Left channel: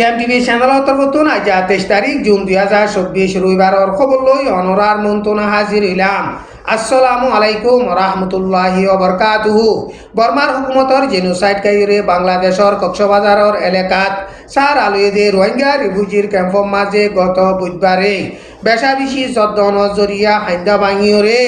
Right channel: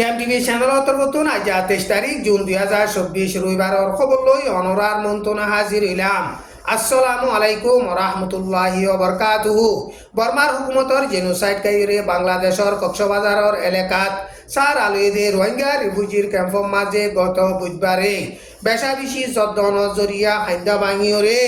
TV চ্যানেলত নতুন আজ 23 তারিখ জুন 2024 রবিবারের খবর লই অনরার মন্তনা হাজির হইলাম। আসসালামু আলাইকুম রহমতুল্লাহি ওবরকাতুহু। বর্মার হুকুমতর জেনোসাইড কাইরে বাংলাদেশের কক্সবাজারের এলাকাত সার আলুয়েদে রোহিঙ্গা রিফিউজির ক্যাম্পর মাঝে গত বুধবারে বেশা বেশি 14 নজরিয়া হাইন্দা ভাঙিওরে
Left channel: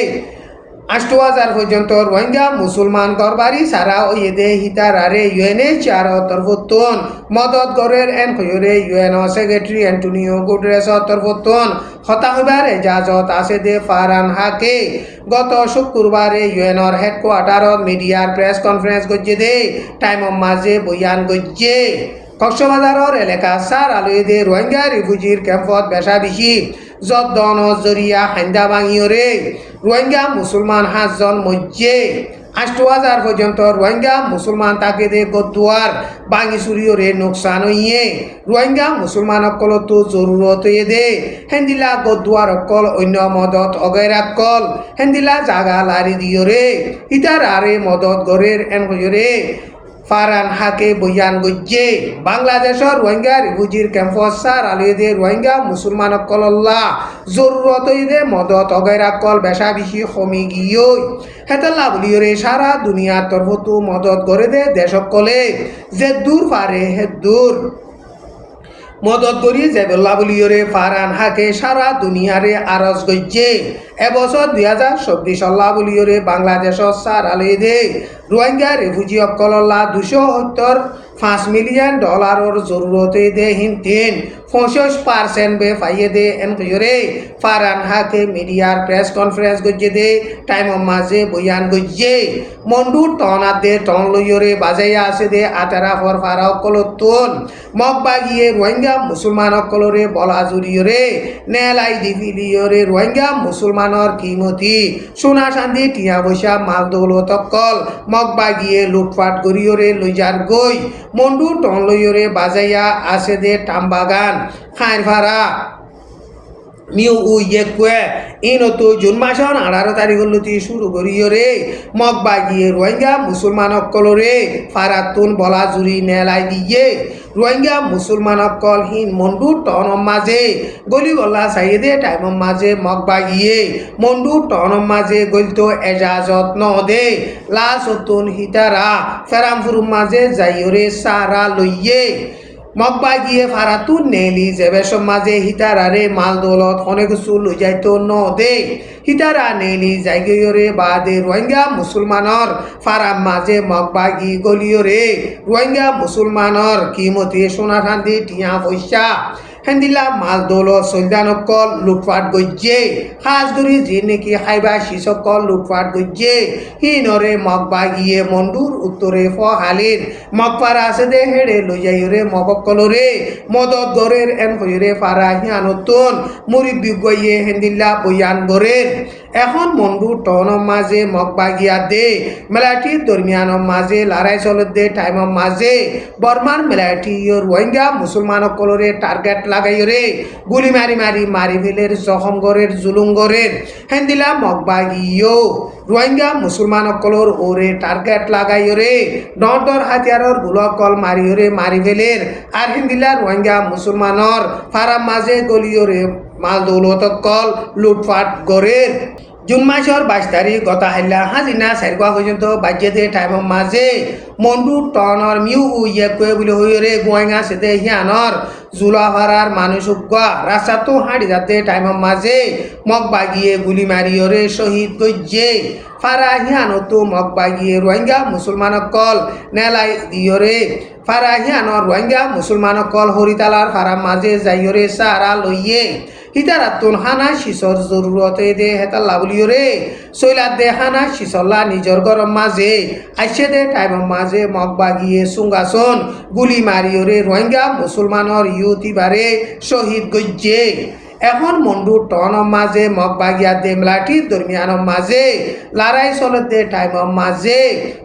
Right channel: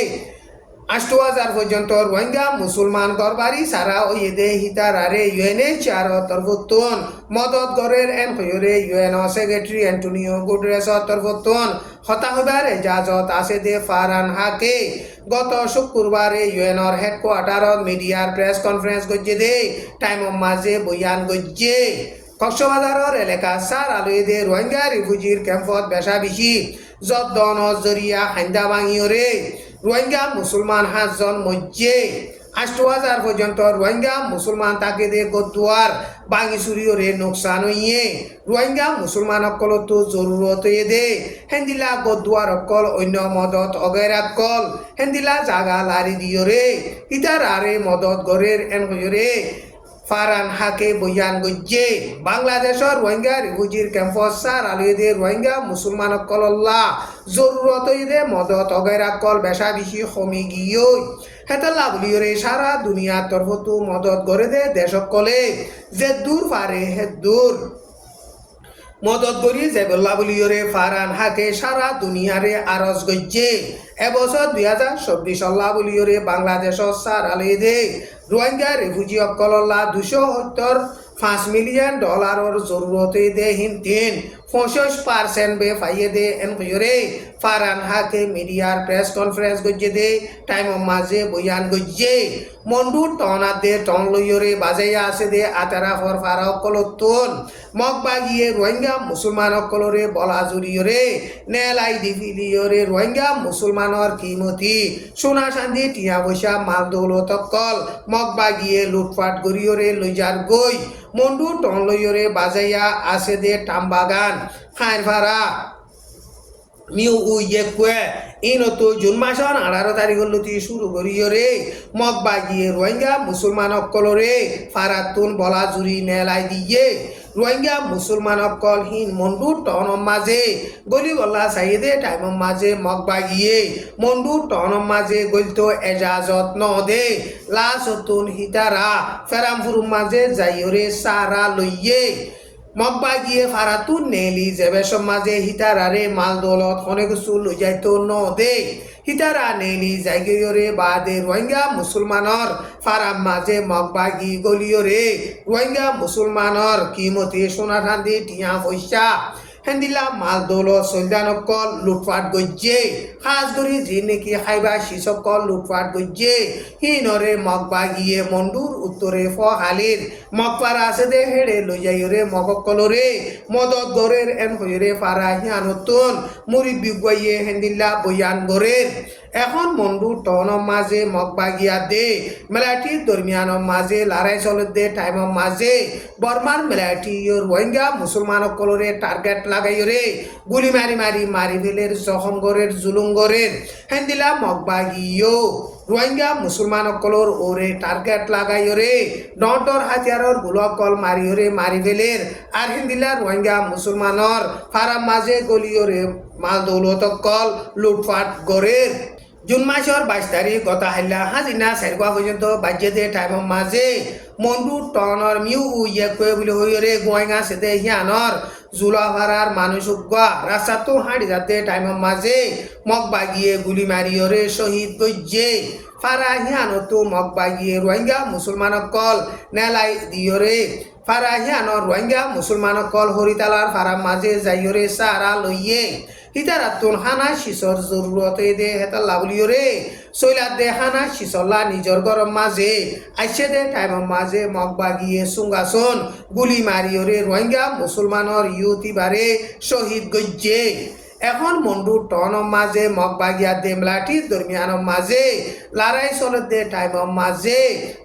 8,000 পর্যন্ত রোহিঙ্গা মুসলমান গরবারি সারা ওয়েদে হিতারারে UNHCR তরফতুন মদত গরের হইরে UN সেক্রেটারি অ্যান্টোনিও গুটেরেস তরফতুন হতা হইবার এজাজত আছে দে ফারহান হাকে গত শুক্রবারে UNর হেডকোয়ার্টারত মিডিয়ার প্রেস কনফারেন্স গজ্জে দে টাইমর মাঝে বয়ান গজ্জে কক্সবাজারের এলাকা সার আলুয়েদে রোহিঙ্গা রিফিউজির ক্যাম্পত বেশা বেশি 14 নজরিয়া হাইন্দা ভাঙিওরে রোহিঙ্গা মুসলমান 5 জন মধ্যে 8,000 পর্যন্ত রোহিঙ্গা মুসলমান তাকে দে গদুয়ার বাঙি চুরিওরে নোকসান হইয়ে রোহিঙ্গা মুসলমান অকল তো জরুরত দে হেন্দিলা গদুয়ার অকল অন্য মদত অগৈরাকল হেন্দিলা জাগা লারি দিওরে ইতার আরে মদত গরের হইরে ফারহান হাকে বয়ান গজ্জে বাংলাদেশের রোহিঙ্গা রিফিউজির ক্যাম্পস সার আলুয়েদে রোহিঙ্গা মুসলমান কল্লা জরুরত দে মদত অগৈরাকল বেশা বেশি কমি গিয়ে হেতলা বলিওরে সারা দুনিয়ার তরফতু মদত করে দে দেশকলে যে দূর পারে হে দূর মদত করি জেবুল্লাহ বলিওরে ফারহান হাকে সারা দুনিয়ারে আরজ গজ্জে এবছর 2024 আল্লাহ বলিওরে বাংলাদেশের সার আলুয়েদে রোহিঙ্গা রিফিউজি অকল্লা 275 মিলিয়ন ডলারের জরুরত দে হিনতেন 65% বে ফাইয়ে দে হইরে ফারহান হাকে মিডিয়ার প্রেস কনফারেন্স গজ্জে দে টাইমর মাঝে বয়ান গজ্জে মন্ডু টনাত দে টন লইরে বাজাইয়া আছে দে আতারা ফর ফারা অকলতুন মগবাগিয়ে রোহিঙ্গা মুসলমান অকলরে বলা জুড়িয়রে নেলাই দিভিলিয়রে রোহিঙ্গা মুসলমানর কিমতি সোনা শান্তি টিয়া পয়সা মাল দৌলত অকল মগবাগিয়ে লুটপাট করিয়রে লইজার গই মন্ডু টন লইরে বাজাইয়া আছে দে টামবাগান খাইর ভাড়া নিউ ইয়েকুয়ে ইনতো জুন মাসের 18 তারিখলতি শুরু করিয়রে মগবাগিয়ে রোহিঙ্গা মুসলমান অকলরে ফারাতুন বলা জুড়ি নেলাই দিয়ে রোহিঙ্গা মুসলমান অকল হিন মন্ডু টনম মাঝে গলি গলা সাইদে টাইমর মাঝে মগবাগিয়ে মন্ডু টনম মাঝে গলিতো এজাজত ন দে লাসতুন হিতারা ফেরামফুর মাঝে যাইয়রে সারা লইয়ে মগবাগিয়ে ফারাতুন নেলি যেবে সমাজে হিতারারে মাল দৌলত অনেক কিছু লই যাইতো ন দে হিতারা নেলি জায়গিয়রে বাদে রোহিঙ্গা মুসলমানর ফারাম মাঝে মগবাগি গলিয়রে রোহিঙ্গা মুসলমানর কিমতি সোনা শান্তি টিয়া পয়সা হেন্দিলা মাল দৌলত সৈদানকল লুটপাট গজ্জে খাস ধরি যে নাকি খাইবা শিসকল লুটপাট গজ্জে হিনরে মগবাগিয়ে মন্ডুর উত্তরে ফহালির মগপারা আছে দে হেড়ে লই যাইরে মগকলরে মদত গরের হইরে ফারা হিয়ানতুন মুরিব্বি গইয়ে হেন্দিলা বয়ান গরের এখন মন্ডু টনম মাঝে মগবাগিয়া দে মেলাটি দরমিয়ানম মাঝে লড়াই চলত দে টাইমম মাঝে বর্মার মেলাটি রোহিঙ্গা মুসলমান কলরে টার্গেট লাগাইরে গুলি মারি ফেলের জখম গরের জুলুম গরের হেন্দিলা মগবাগিও রোহিঙ্গা মুসলমান কলর ওরে টার্গেট লাগাইরে ডর হাতিয়ারর গুলকল মারি ফেলের আর হেন্দিলা রোহিঙ্গা মুসলমানর ফারাম মাঝে গলিয়রে মাল দৌলত কল লুটপাট গরের জুন মাসের 22 তারিখ গত হাইলা হাজিনা সাইরগা পর্যন্ত বাজ্যে টাইমর মাঝে মন্ডু টনর মিউ ইয়েকুয়ে বলে হইরে গোয়াঙ্গা সেতে হিয়ানর জুলাভারার মানুষ রাস্তা তো হাঁড়ি যাতে টাইমর মাঝে মগবাগিয়ে গুলি মারিয়রে শহীদ গজ্জে ফারা হিয়ানতো মগবাগিয়ে রোহিঙ্গা মুসলমান কল নেলাই দিয়রে ফারা হিয়ানর রোহিঙ্গা মুসলমান কল হরিতালার ফারাম মাঝে যাইয়রে সারা লইয়ে হিতারাতুন হানা শিশর জরুরত দে হেতাল্লা বলিয়রে সৈলাদ দে হানা শিশল্লা নিজর গরম মাঝে আইসে দে টাইমর মাঝে মগবাগিয়ে সুঙ্গাসন গুলি মারিয়রে রোহিঙ্গা মুসলমানর ইউতিবারে শহীদ গজ্জে এখন মন্ডু টনম মাঝে মগবাগিয়া দে মেলাটি দরমিয়ানম মাঝে লড়াই চলত দে টাইমর মাঝে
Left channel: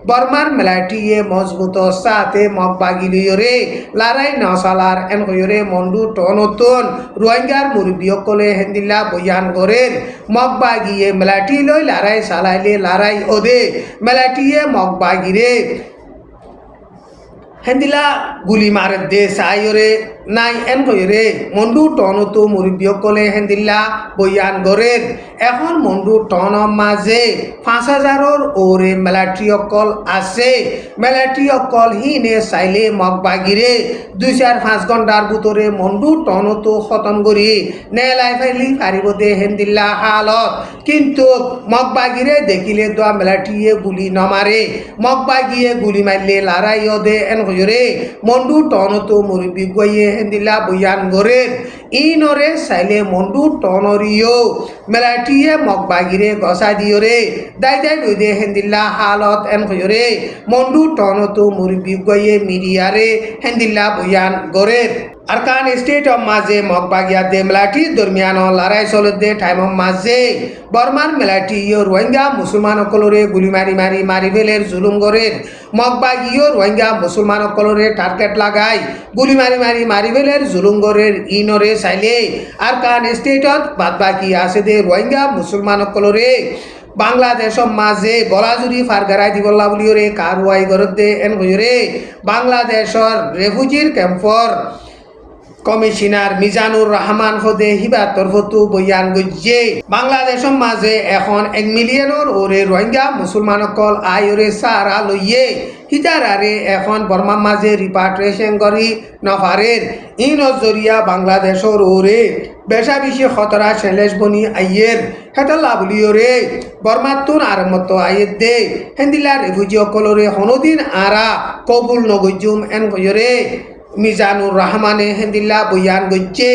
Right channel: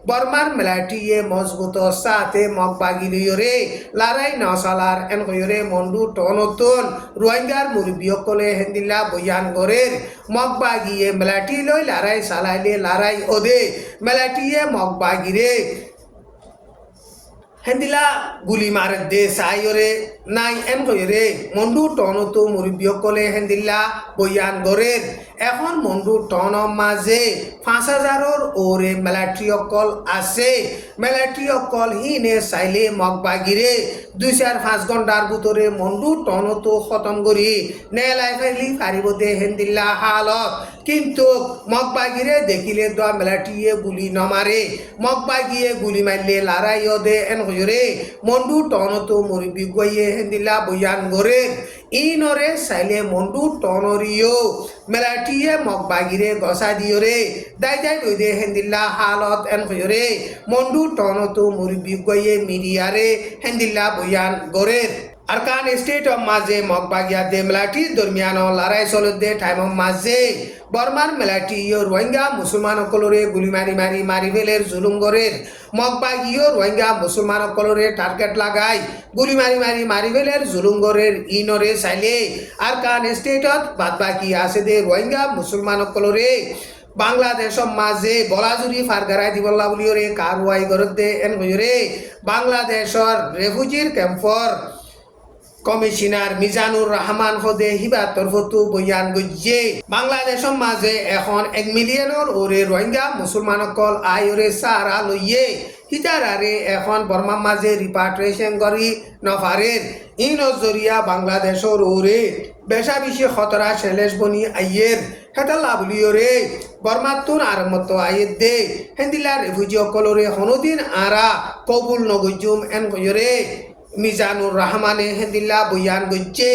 বর্মার মেলাটিয়ে মজবুত সাথে মগবাগি লিয়রে লড়াই নসালার হইরে মন্ডু টনতুন রোহিঙ্গার মুরব্বী কলে হেন্দিল্লা বয়ান গরের মগবাগিয়ে মেলাটি লই লড়াই চালাইলে লড়াই ওদে মেলাটিয়ে মগবাগিরে হেন্দিলা গুলি মারে দে সাইরে নাই এন হইরে মন্ডু টনতো মুরব্বীসকলে হেন্দিল্লা বয়ান গড়ের এখন মন্ডু টন মাঝে 5,000-র ওরে মিলিটারি অকল আছে মিলিটারি অকল হিনে চাইলে মগবাগিরে 2-5 ঘণ্টার ভিতরে মন্ডু টনতো খতম করি নেলাই ফেলি পারিব দে হেন্দিল্লা হালত কিন্তু মগবাগিরে দেখিলে তো মিলিটারিয়ে গুলি নমারে মগবাগিয়ে গুলি মারলে লড়াইও দে এন হইরে মন্ডু টনতো মুরব্বী গইয়ে হেন্দিল্লা বয়ান গড়ের ইনরে চাইলে মন্ডু টনরিও মিলিটারিয়ে মগবাগিরে গসা দিয়রে দাই দাই দে হেন্দিল্লা হালত এন হইরে মন্ডু টনতো মুরব্বী গইয়ে মিডিয়ারে হেন্দিল্লা বয়ান গড়ের আরকান স্টেট অফ মাঝে মগবাগিয়া দে মিলিটারি দরমিয়ান লড়াই চলতে টাইম মাঝে বর্মার মিলিটারি রোহিঙ্গা মুসলমান সকলরে গুলি মারি মারি মারি ফেলের জুলুম গড়ের মগবাগিও রোহিঙ্গা মুসলমান সকলরে টার্গেট লাগাই গুলি মারি মারি মারি ফেলের জুলুম গড়ের ইনরে চাইলে আরকান স্টেটত বাদ বাকি আছে দে রোহিঙ্গা মুসলমান সকলরে বাংলাদেশের মাঝে গলাজুরি ফারগারাই দিবল্লা বুলিওরে কারওয়াই গড়তে এন হইরে বাংলাদেশের রেফিউজির ক্যাম্পর কমিশনার মিজানুর রহমান হদে হিবার তরফতু বয়ান গজ্জে বাংলাদেশের মাঝে এখন 1 মিলিয়নের ওরে রোহিঙ্গা মুসলমান সকল আয়রে সারা লইয়ে হিতারারে এখন বর্মার মাঝে রিপাট্রিয়েশন করি নফারের ইন জরিয়া বাংলাদেশের ওরে বেশা বেশি খতরা শেলেশ বনি আইয়ের হেতলা বলিওরে বর্মাতুন আর মতো আইয়ের দে হেন্দিলা রেফিউজি সকলরে হনদিন আরা কবুল নগজুম এন হইরে মিজানুর রহমানে হেন্দিল্লা বয়ান গজ্জে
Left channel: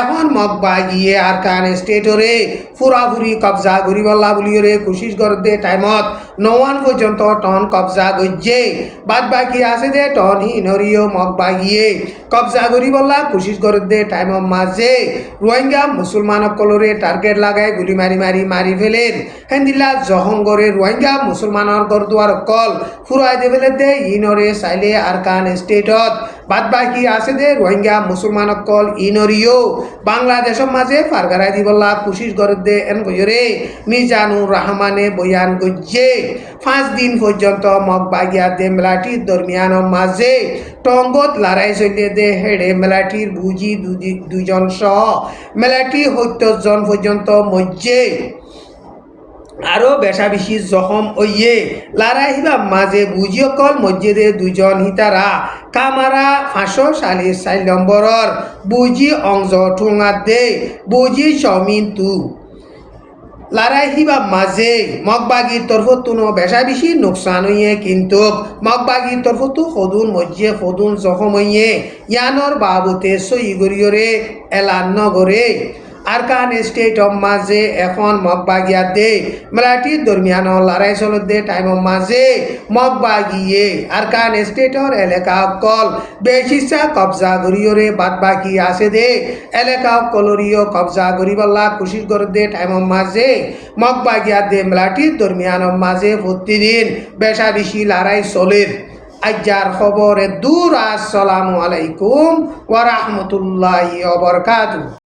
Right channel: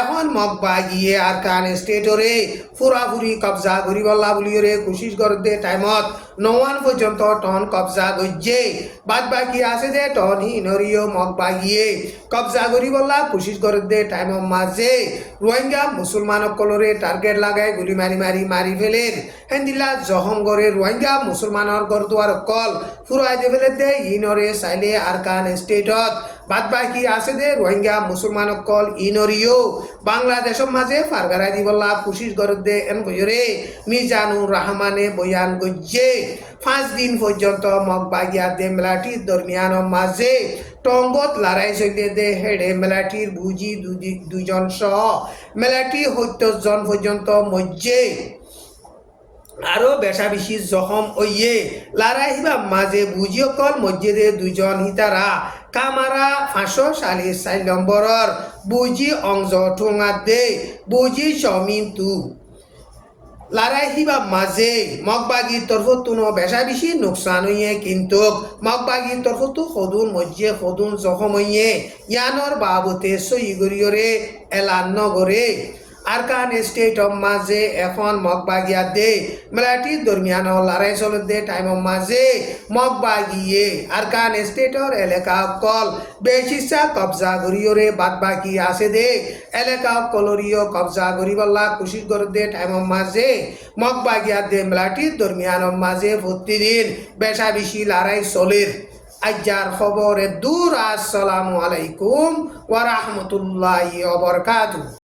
এখন মগবাগিয়ে আরকান স্টেটরে ফুরাফুরি কবজা গরিবল্লা বুলিওরে কোশিশ করতে টাইমত 9 পর্যন্ত টন কবজা গজ্জে বাদ বাকি আছে দে টন হিনরিও মগবাগিয়ে কবজা গরিবল্লা কোশিশ করতে টাইম মাঝে রোহিঙ্গা মুসলমান সকলরে টার্গেট লাগাই গুলি মারি মারি মারি ফেলের হেন্দিল্লা জহঙ্গরে রোহিঙ্গা মুসলমানের গরদুয়ার কল ফুরাই দে ফেলে দে ইনরে চাইলে আরকান স্টেটত বাদ বাকি আছে দে রোহিঙ্গা মুসলমান সকল ইনরিও বাংলাদেশের মাঝে ফারগারাই দিবল্লা কোশিশ করতে এন কইরে মিজানুর রহমানে বয়ান গজ্জে 5 দিন পর্যন্ত মগবাগিয়া দে মিলিটারির দরমিয়ান মাঝে টঙ্গত লড়াই চলিয়ে দে হেডে মিলিটারির বুঝি দুজন সহ মিলিটারি 70 জন পর্যন্ত মজ্জে আরো বেশা বেশি জখম ওইয়ে লড়াই হিলাম মাঝে বুঝি অকল মসজিদে 2 জন হিতারা কামারা 544 নম্বরর বুঝি অংশ ঠোঙা দে বুঝি সমিন্তু লড়াই হিবা মাঝে মগবাগির তরফতুনো বেশা বেশি নোকসান হইয়ে কিন্তু মগবাগির তরফতু সদুন মজ্জে সদুন জখম হইয়ে ইয়ানোর বাবতে সই গরিয়রে এলান নগরে আরকান স্টেট অফ মাঝে এখন মগবাগিয়া দে মিলিটারির দরমিয়ান লড়াই চলতে টাইম মাঝে মগবাগিয়ে আরকান স্টেটর এলাকা অকল বেশিসা কবজা গরিয়রে বাদ বাকি আছে দে এলাকা অকলরিও কবজা গরিবল্লা কোশিশ করতে টাইম মাঝে মগবাগিয়া দে মিলিটারির দরমিয়ান মাঝে প্রতিদিন বেশা বেশি লড়াই চলের আজ্জার খবরে দূর আসসালামু আলাইকুম ওয়া রাহমাতুল্লাহি ওয়া বারাকাতুহু।